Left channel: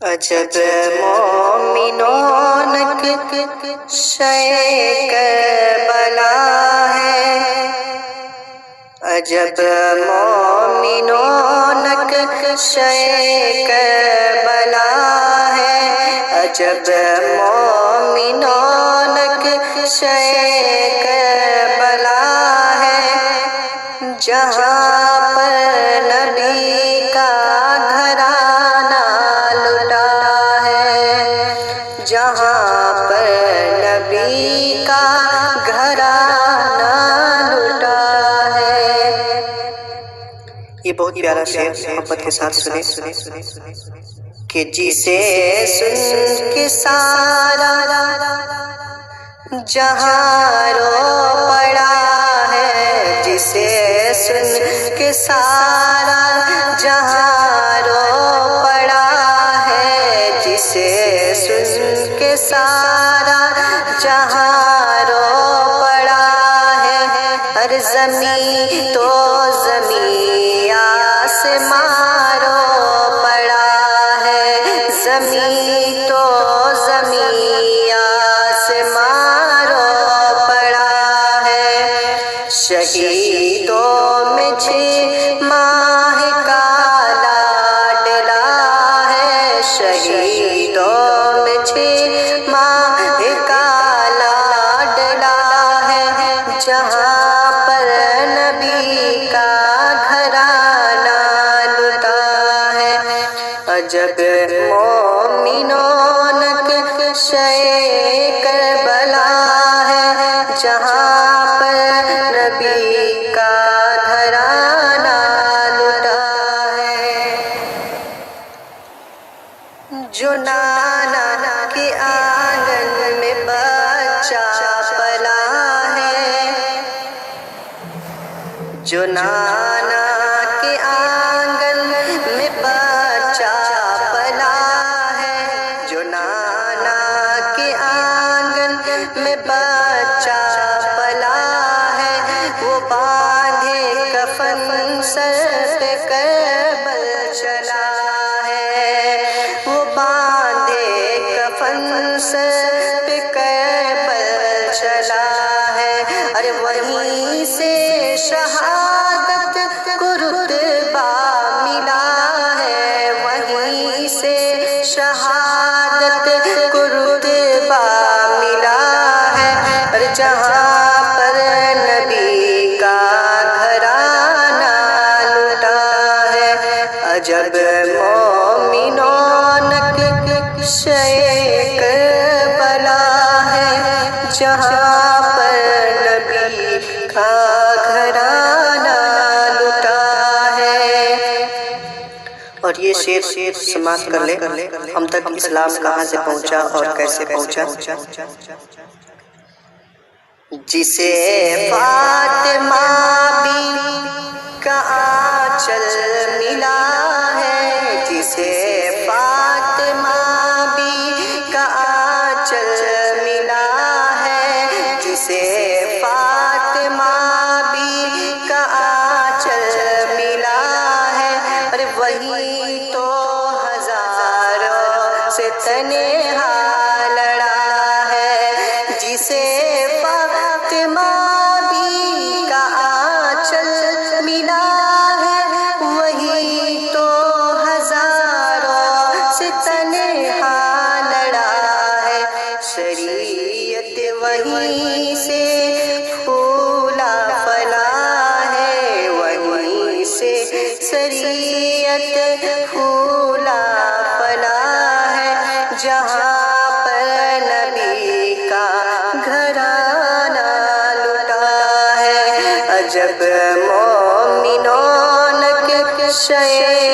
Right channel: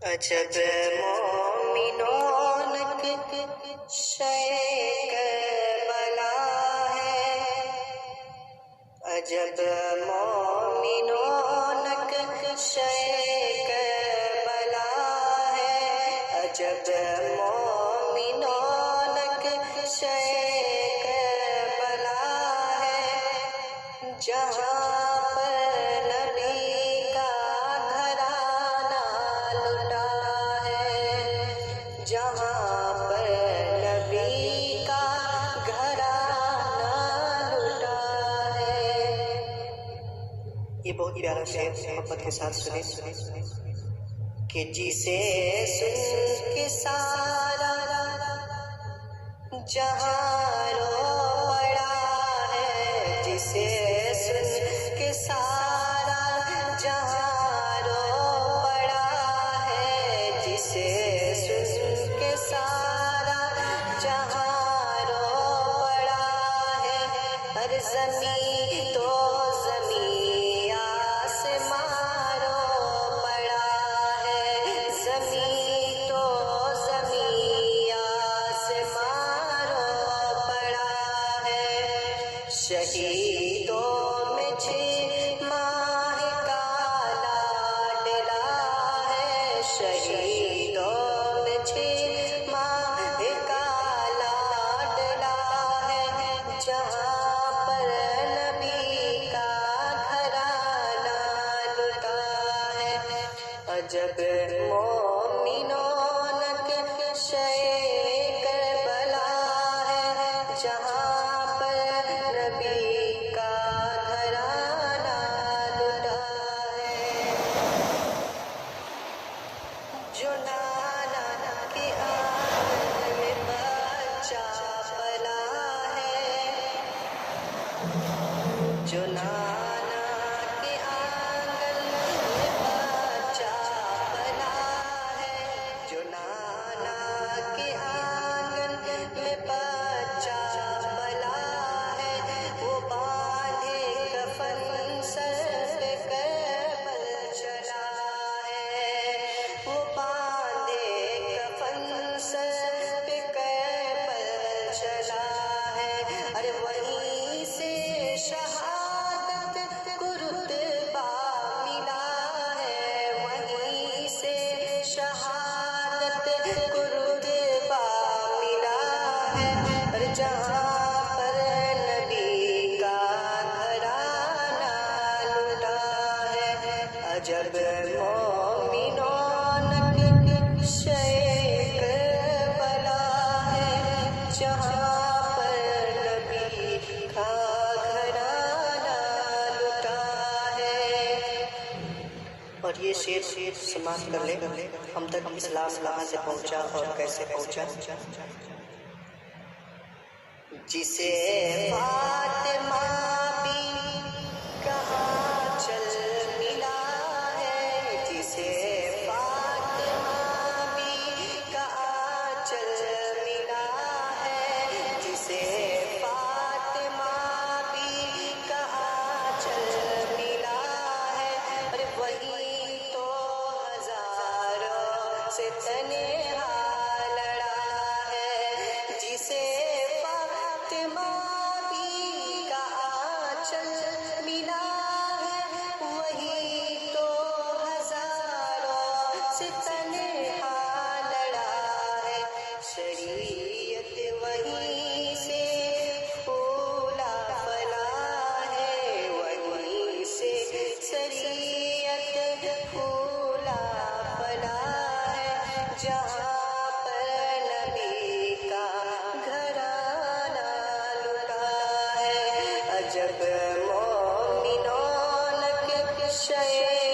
عجب مومنوں شے کربلا ہے، عجب مومنوں شے کربلا ہے، عجب مومنوں شے کربلا ہے، جہاں پر نبی کا گھرانہ لٹا ہے، جہاں پر نبی کا گھرانہ لٹا ہے۔ یہ بہت پیارا شعر محبت کے ساتھ سنیں کہ جسے سن کے سارا جہاں رو پڑا ہے، جسے سن کے سارا جہاں رو پڑا ہے، جسے سن کے سارا جہاں رو پڑا ہے، ہر زمین تو زمین آسمان رو پڑا ہے، زمین تو زمین آسمان رو پڑا ہے، شہیدوں میں 6 ماہ کا لاڈلا ہے، شہیدوں میں 6 ماہ کا لاڈلا ہے، جہاں پر نبی کا گھرانہ لٹا ہے، عجب مومنوں شے کربلا ہے، جہاں پر نبی کا گھرانہ لٹا ہے، جو نانا کے آنگن میں بچہ پلا ہے، جو نانا کے آنگن میں بچہ پلا ہے، جو نانا کے آنگن میں بچہ پلا ہے، وہ باندھے کفن سر پہ کربل چلا ہے، وہ باندھے کفن سر پہ کربل چلا ہے، ارے وہیں سے شہادت کو رتبہ ملا ہے، وہیں سے شہادت کو رتبہ ملا ہے، اور جہاں پر نبی کا گھرانہ لٹا ہے، عجب مومنوں شے کربلا ہے، جہاں پر نبی کا گھرانہ لٹا ہے۔ اور یہ شعر سماعت کر لیں، ہم تک اسلام کہاں سے پہنچا اور کیسے پہنچا۔ جسے فاطمہ بی کا آنچل ملا ہے، جسے فاطمہ بی کا آنچل ملا ہے، جسے فاطمہ بی کا آنچل ملا ہے، اور وہی تو ہزاروں سے تنہا لڑا ہے، جسے فاطمہ بی کا آنچل ملا ہے، وہی تو ہزاروں سے تنہا لڑا ہے، شریعت وہیں سے پھولا پھلا ہے، وہیں سے شریعت پھولا پھلا ہے، جہاں پر نبی کا گھرانہ لٹا ہے، عجب مومنوں شے